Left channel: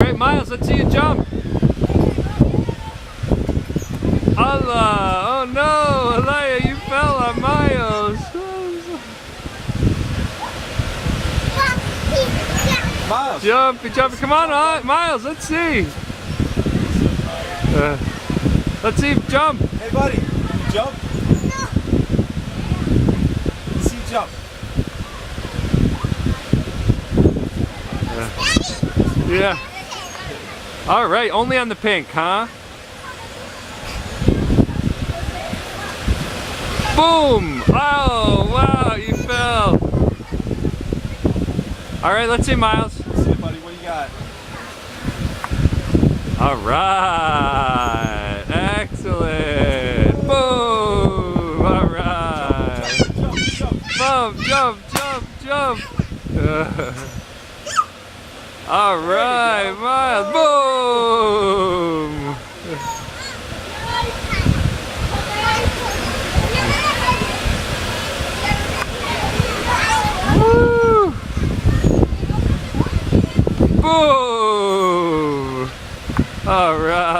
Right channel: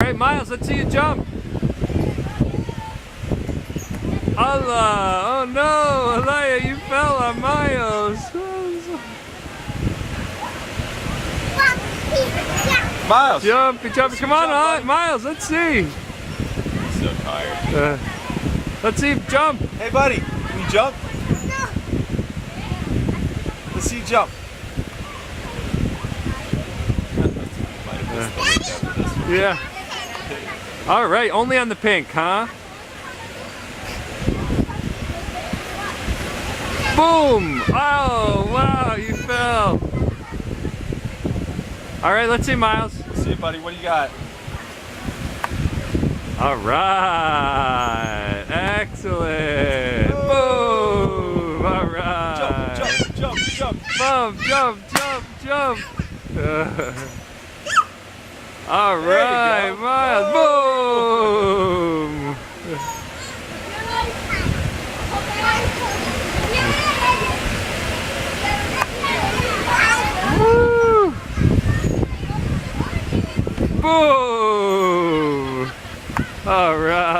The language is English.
All right, Miles, let's see you jump. Allah! Oh no, Alaya, you fell on Miles. Miles. Jump, come on, Miles, let's see. Let's see, jump. Hey buddy, can you jump? No. Let's see you jump. Yeah. All right, only on the pink, huh? Boom! Oh, wow, you fell. All right, let's see, Miles. Let's see, buddy, what do you got? All right, excellent. Boom! All right. Jump. All right, Miles. Boom! Woo! Boom! All right.